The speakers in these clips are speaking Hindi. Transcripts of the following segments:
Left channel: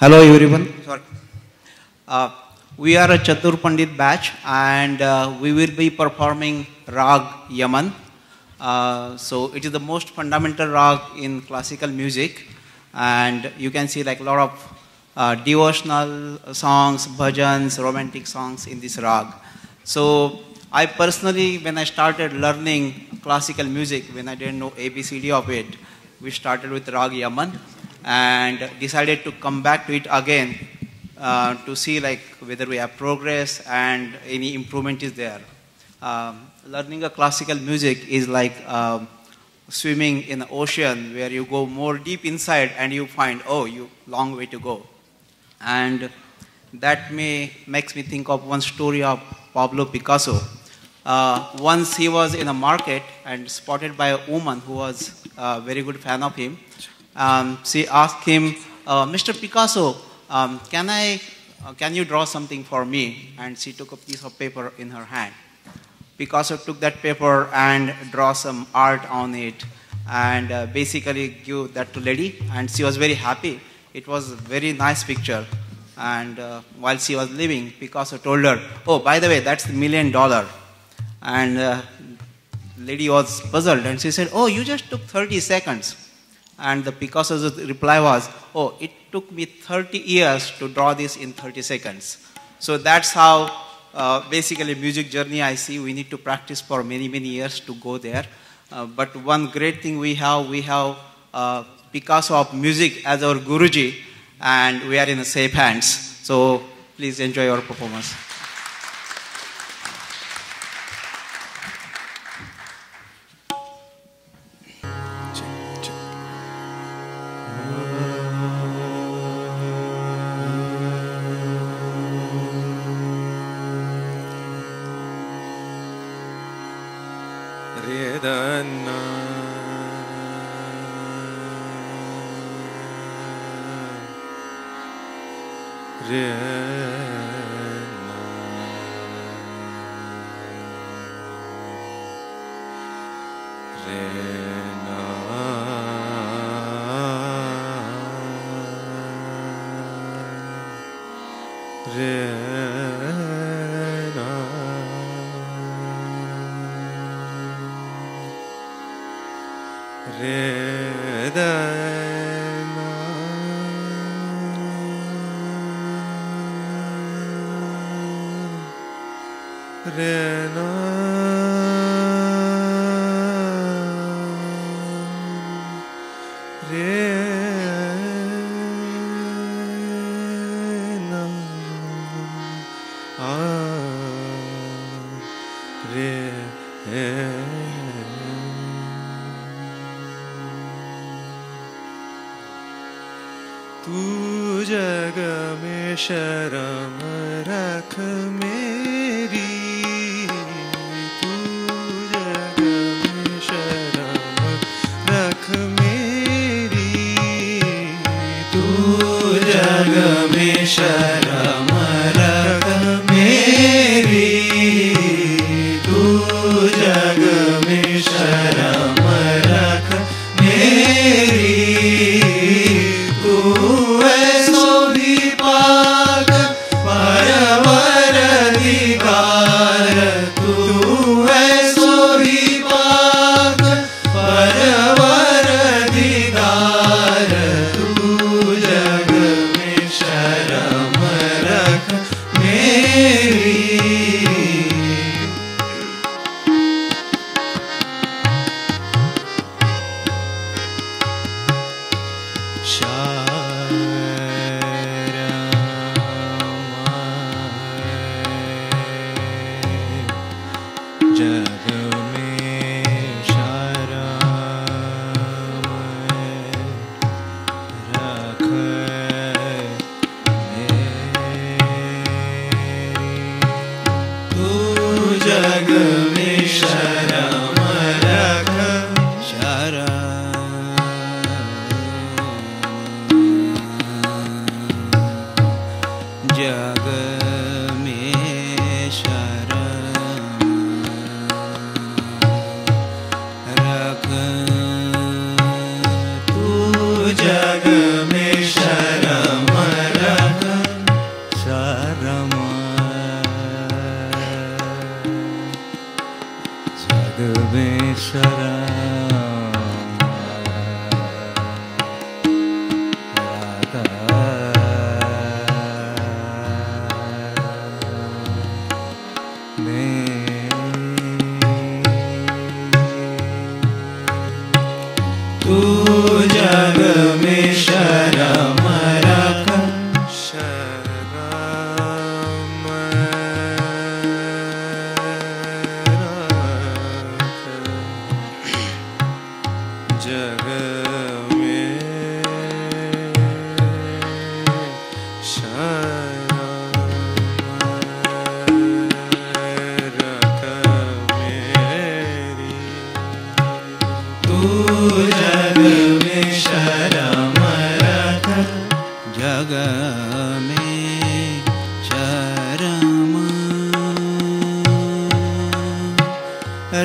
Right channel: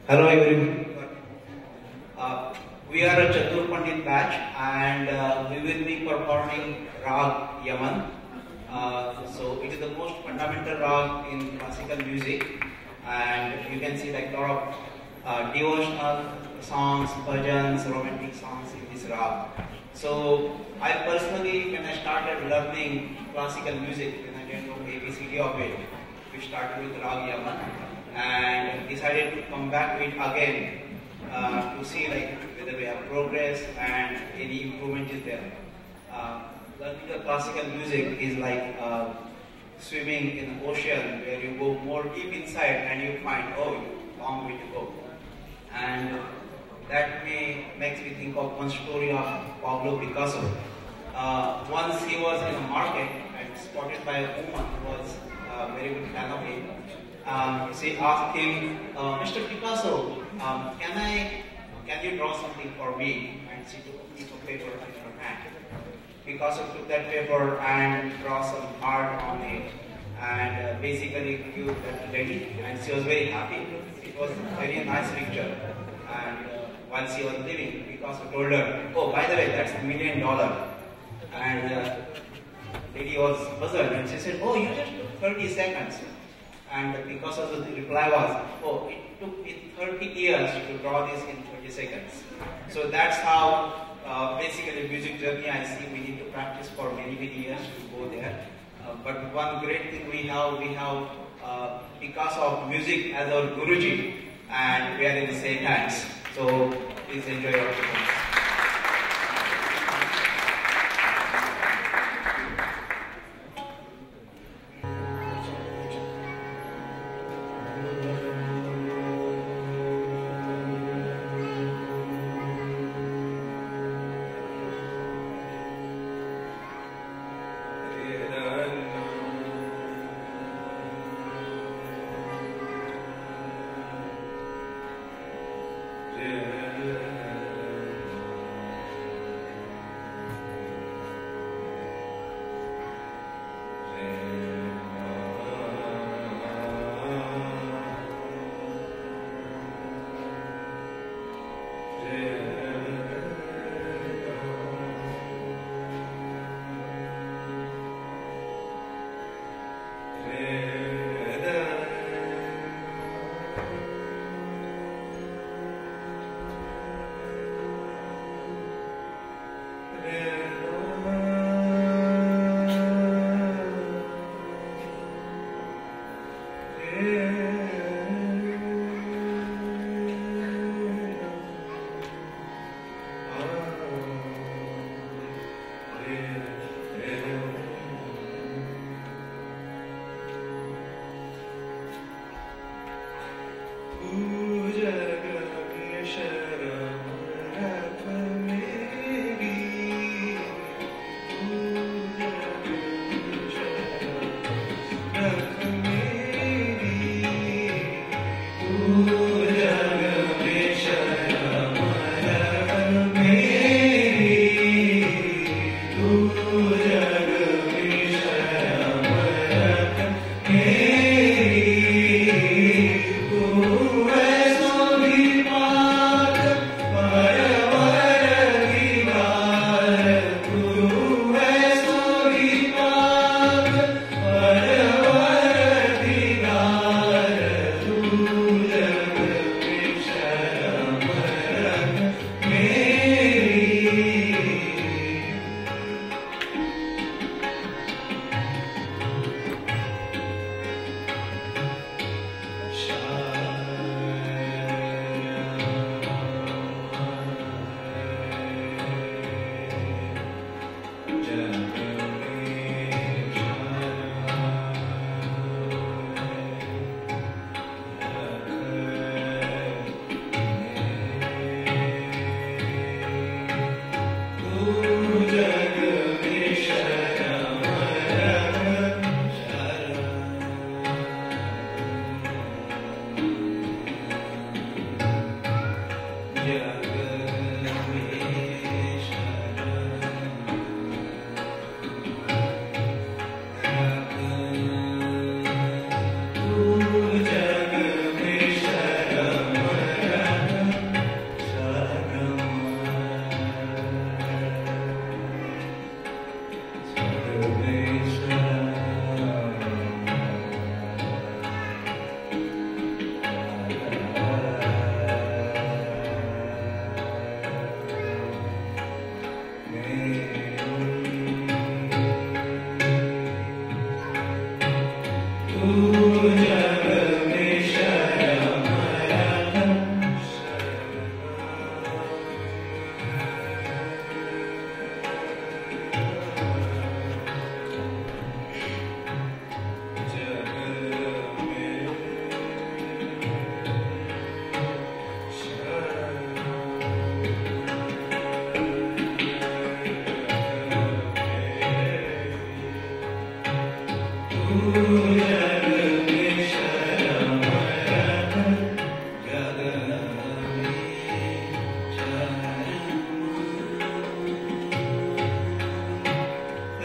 Hello everyone. Sorry. We are a Chatur Pandit batch and we will be performing Rag Yaman. So it is the most fundamental rag in classical music, and you can see like a lot of devotional songs, bhajans, romantic songs in this rag. So I personally, when I started learning classical music, when I didn't know ABCD of it, we started with Rag Yaman and decided to come back to it again to see like whether we have progress and any improvement is there. Learning a classical music is like swimming in the ocean where you go more deep inside and you find, oh, you long way to go. And that makes me think of one story of Pablo Picasso. Once he was in a market and spotted by a woman who was a very good fan of him. She asked him, Mr. Picasso, can you draw something for me? And she took a piece of paper in her hand. Picasso took that paper and draw some art on it and basically give that to lady, and she was very happy. It was a very nice picture. And while she was leaving, Picasso told her, oh, by the way, that's $1 million. And lady was puzzled and she said, oh, you just took 30 seconds. And the Picasso's reply was, oh, it took me 30 years to draw this in 30 seconds. So that's how basically music journey I see. We need to practice for many, many years to go there. But one great thing we have Picasso of music as our Guruji, and we are in the safe hands. So please enjoy our performance.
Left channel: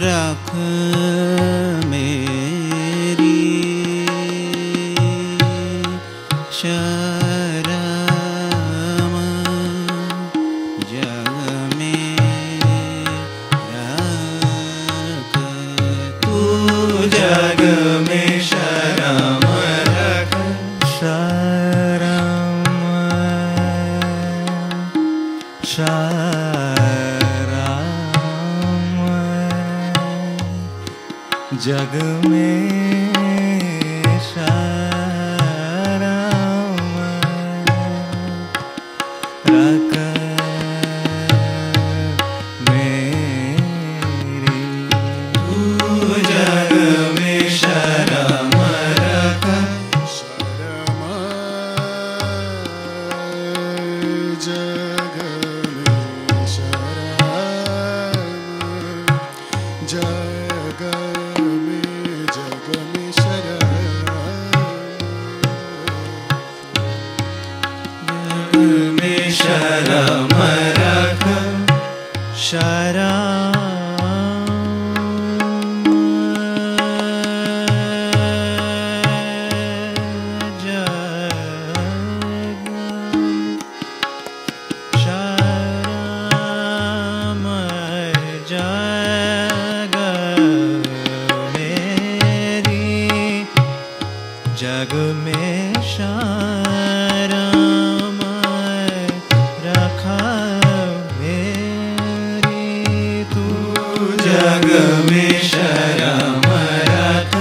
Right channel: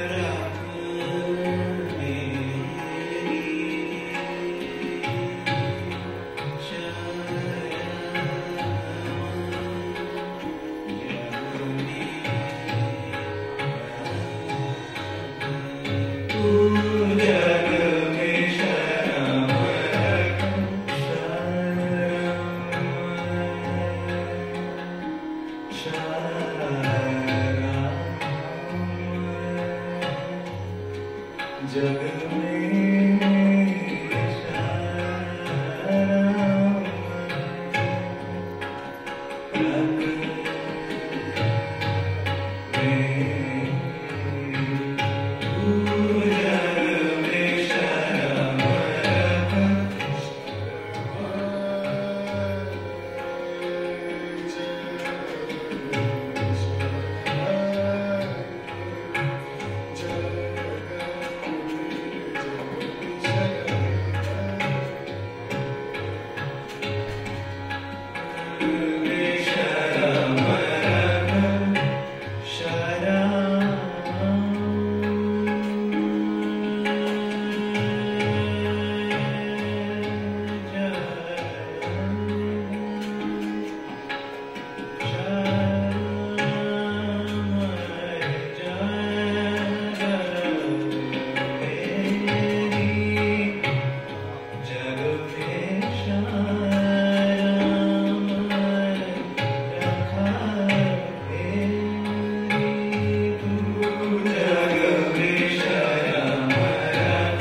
रख मेरी शरम जग में रख तू जग में शरम रख शरम जग में शरम रख मेरी तू जग में शरम रख जग में शरम रखा मेरी तू जग में शरम रख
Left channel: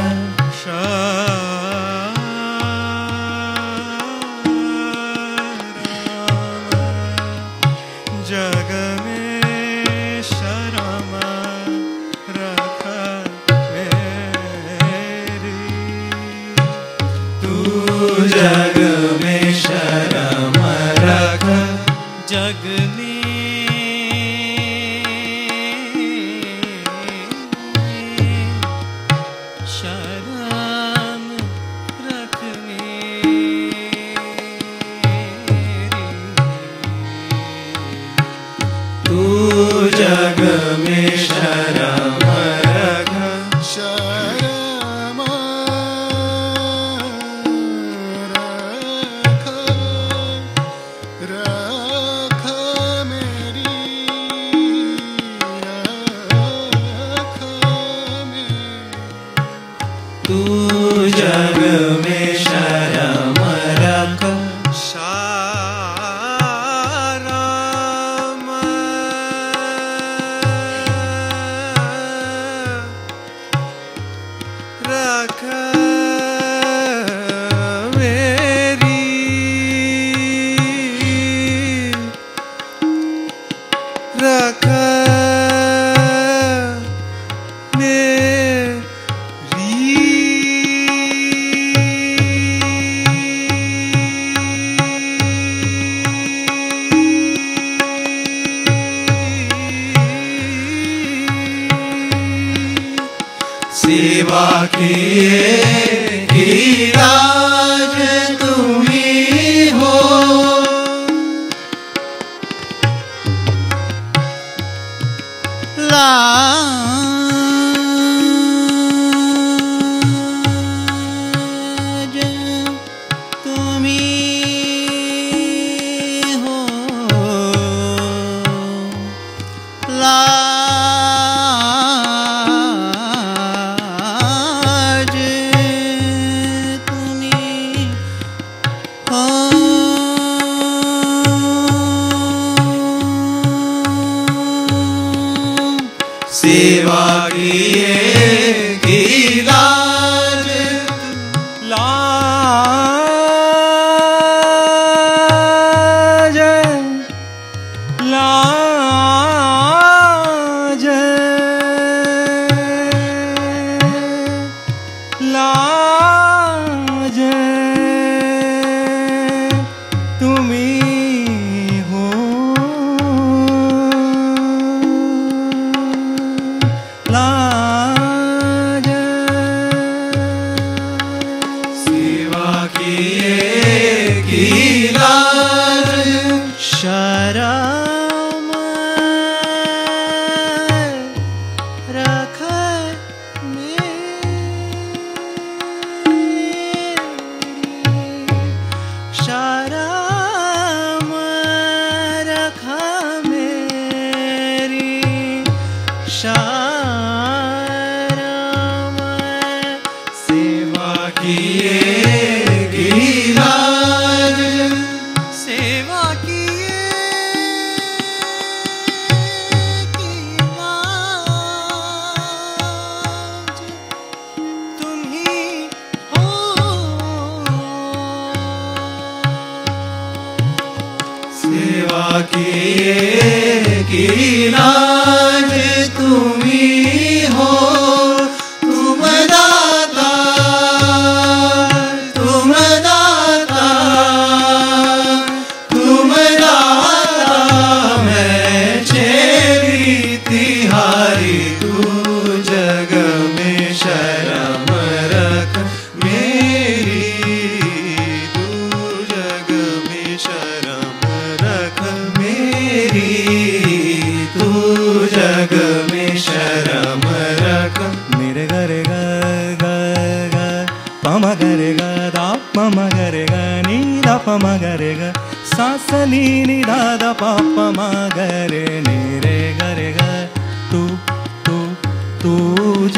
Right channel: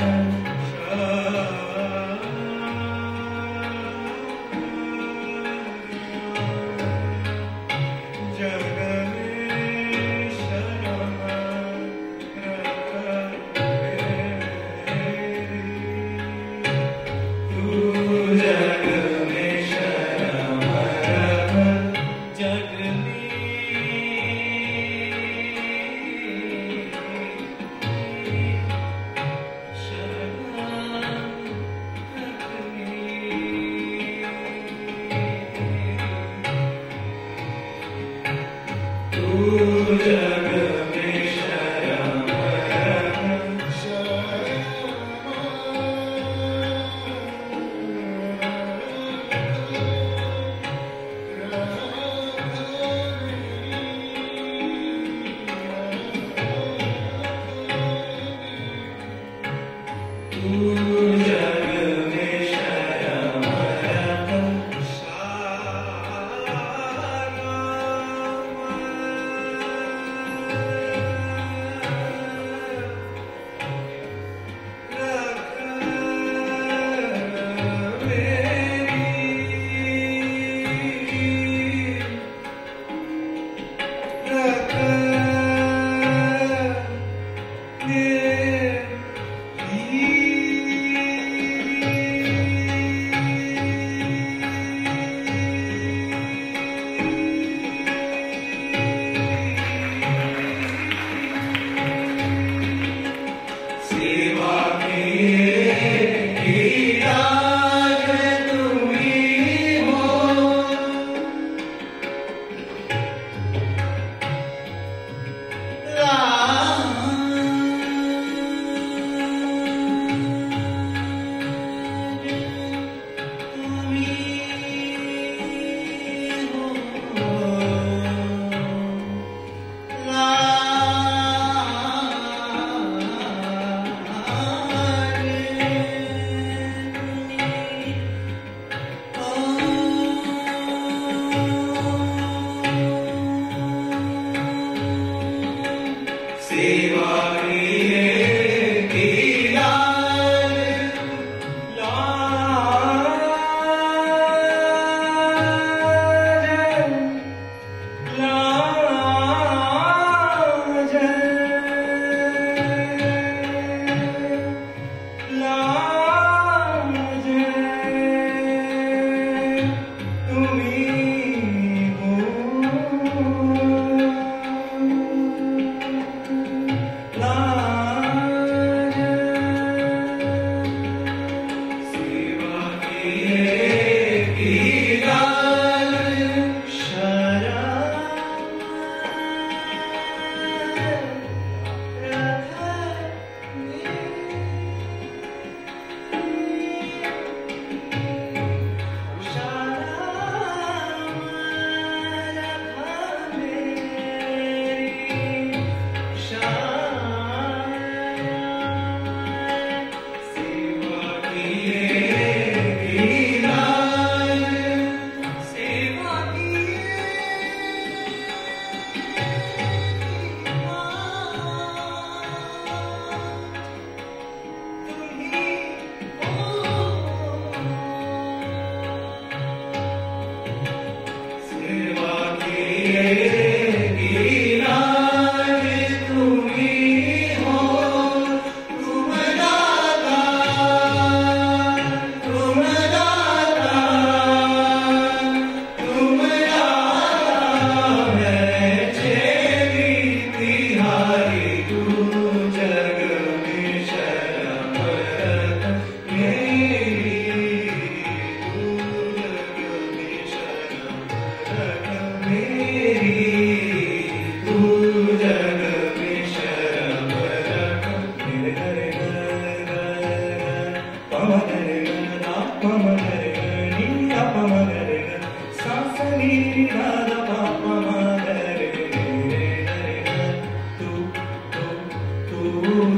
जग में शरम रख जग में शरम रख जग में शरम रख तू जग में शरम रख शरम तू जग में शरम रख शरम रख मेरी रख सेवा किए गिरिराज तुम्ही हो लाज तुम्ही हो सेवा किए गिरिराज लाज लाज लाज तुम्ही हो लाज सेवा किए गिरिराज, सेवा किए गिरिराज, तुम ही हो सेवा किए गिरिराज, तुम ही हो, तुम दाता, तुम दाता, तुम दाता, मैं छेड़ी तिहारी, तू जग में शर्म रख मेरी, तू जग में शर्म रख मेरी, तू जग में शर्म रख मेरे गरे ग पम गरे ग दा पम गरे ग नी दा पम गरे ग सा सा नी नी दा दा पा पम गरे नी रे गरे ग तू तू तू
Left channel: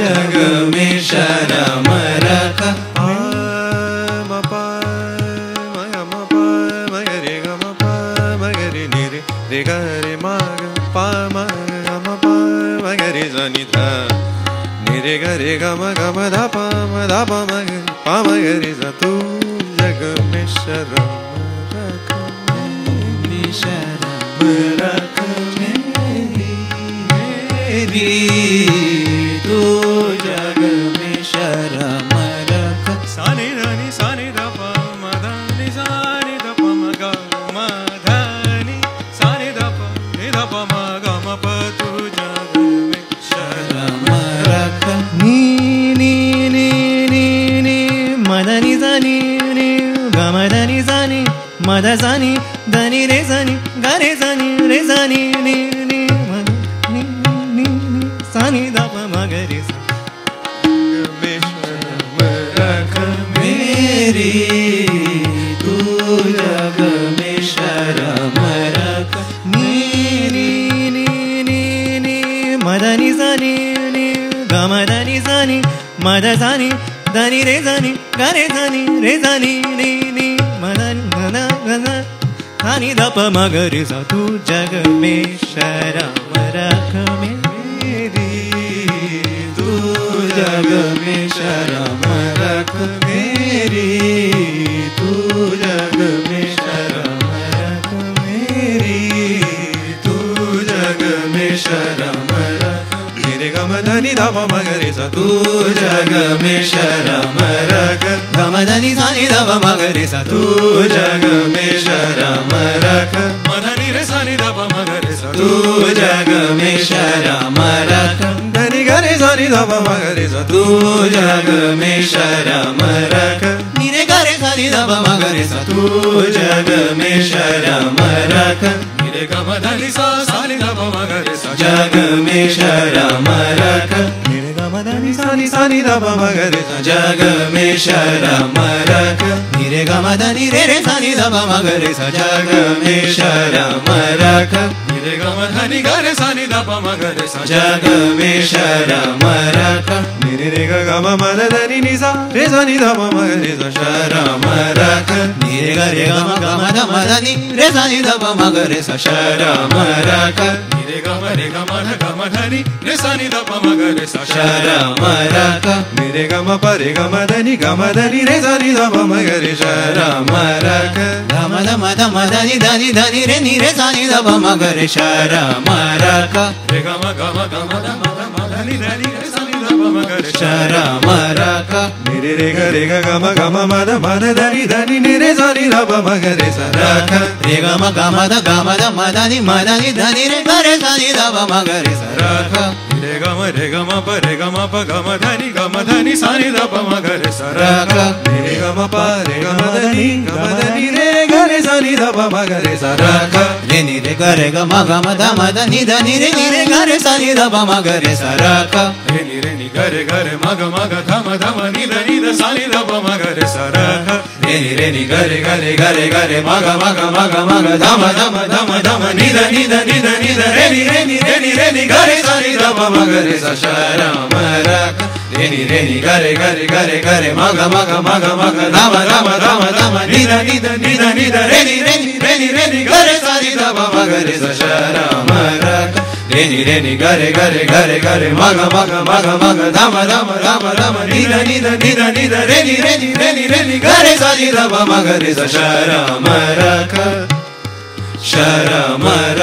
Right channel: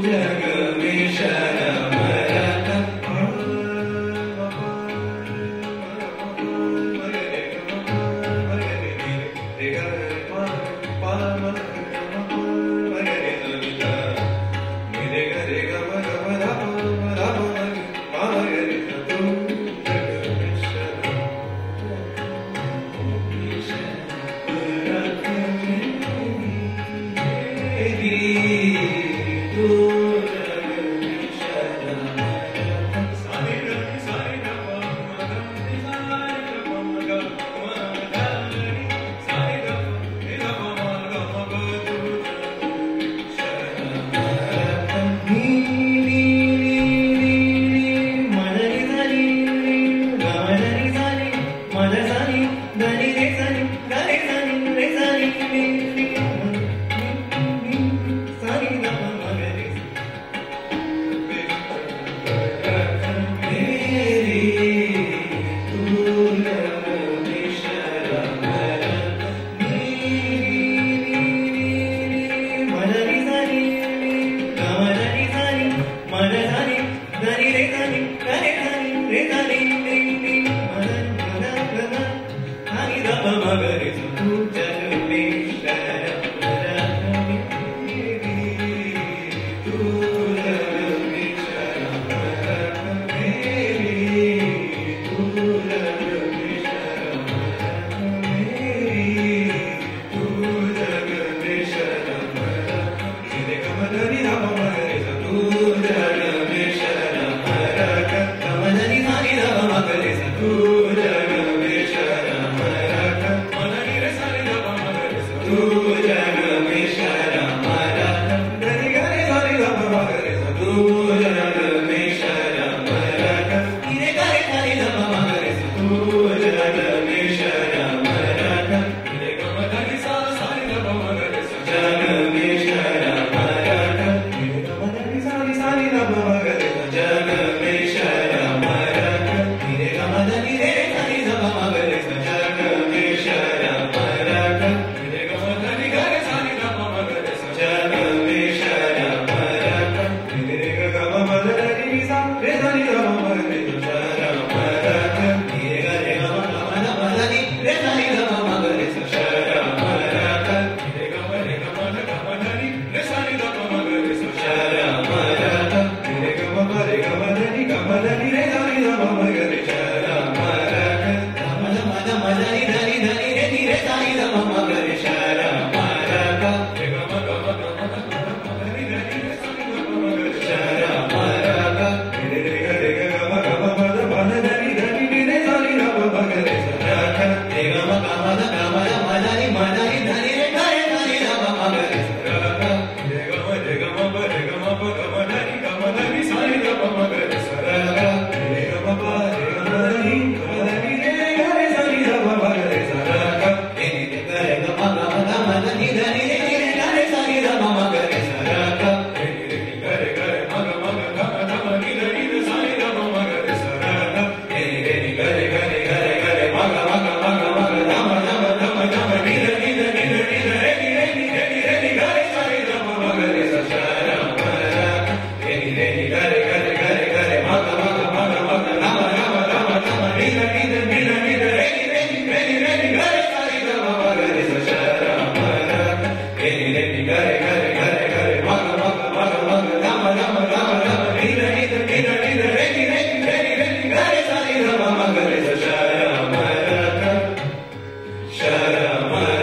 जग में शर्म रख म पा म गरे ग म गरे नी रे ग रे म पा म गरे ज नी धा नी रे ग रे ग म धा प म पा म गरे ज तू जग में शर्म रख मेरी, शर्म रख मेरी, तू जग में शर्म रख सारे रानी सारे रा पा म धा नि सारे रा पा म ग म धा नि सारे रा पा नि रा पा म ग म प तू जग में शर्म रख नी नी नी नी नी मदनी जानी रे गमदनी जानी मद जानी धनी रे जानी गरे जानी रे जानी नी नी मद नी नी सानी दा प म गरे में शर्म रख मेरी, तू जग में शर्म रख नी नी नी नी नी मदनी जानी रे गमदनी जानी मद जानी धनी रे जानी गरे जानी रे जानी नी नी मदनी गदा गदा सानी दा प म गरे सा तू जग में शर्म रख मेरी, तू जग में शर्म रख मेरी, तू जग में शर्म रख मेरी, तू जग में शर्म रख मेरे गम धनी धा प म गरे सा तू जग में शर्म रख गम धनी सानी धा प म गरे सा तू जग में शर्म रख मधनी रे सानी धा प म गरे सा तू जग में शर्म रख धनी गरे सानी धा प म गरे सा तू जग में शर्म रख नी रे गरे सानी धा प म गरे सा तू जग में शर्म रख नी रे गम धनी सा सानी धा प म गरे सा जग में शर्म रख नी रे गम धनी सानी सानी धा प म गरे सा जग में शर्म रख नी रे गम धनी रे रे सानी धा प म गरे सा जग में शर्म रख नी रे गम धनी गरे सानी धा प म गरे सा जग में शर्म रख नी रे रे ग म म धनी नि सा रे सानी धा प म गरे सा शर्म रख नी रे ग रे ग म ध म धनी रे सानी धा प म गरे सा शर्म रख नी रे ग म धनी रे सानी धा प म गरे सा शर्म रख नी रे ग म प रे ग म धनी रे सानी धा प म गरे शर्म रख धम धम धम धनी धनी धनी रे नी रे सानी धा प म गरे शर्म रख रे ग म धम धम धनी धनी रे सानी धा प म गरे शर्म रख नी रे रे ग रे ग म म ध म धनी धनी नी रे सानी धा प म गरे सा रख रे ग म ध म धनी धनी रे गरे सानी धा प म गरे सा रख रे ग म प रे ग म प ग म धनी सानी धा प म गरे सा रख रे ग म प रे ग म धनी रे गरे सानी धा प म गरे सा रख रे नी रे ग रे ग म ध म धनी धनी रे नी रे गरे सानी धा प म गरे सा रख रे नी रे नी गरे गरे म ग धम धम नी धनी ध सानी धा प म गरे सा रख रे नी रे नी गरे गरे गरे गरे म ग धम धम धम धम नी ध नी ध नी ध नी ध रे नी रे नी गरे सानी धा प ಮಗರಿ ಸ ಶರಮರ ರೇನಿ ರೇನಿ ಗರೆ ಗರೆ ಗರೆ ಗರೆ ಮಗ ಮಗ ಮಗ ಮಗ ಧಮ ಧಮ ಧಮ ಧಮ ನಿರ ನಿದ ನಿರ ನಿದ ರೇನಿ ರೇನಿ ರೇನಿ ರೇನಿ ಗರೆ ಸಾರಿ ಧಮ ಮಗರಿ ಸ ಶರಮರ ರೇನಿ ರೇನಿ ಗರೆ ಗರೆ ಗರೆ ಗರೆ ಮಗ ಮಗ ಮಗ ಮಗ ಧಮ ಧಮ ಧಮ ಧಮ ನಿರ ನಿದ ನಿರ ನಿದ ರೇನಿ ರೇನಿ ರೇನಿ ರೇನಿ ಗರೆ ಸಾರಿ ಧಮ ಮಗರಿ ಸ ಶರಮರ ಶರಮರ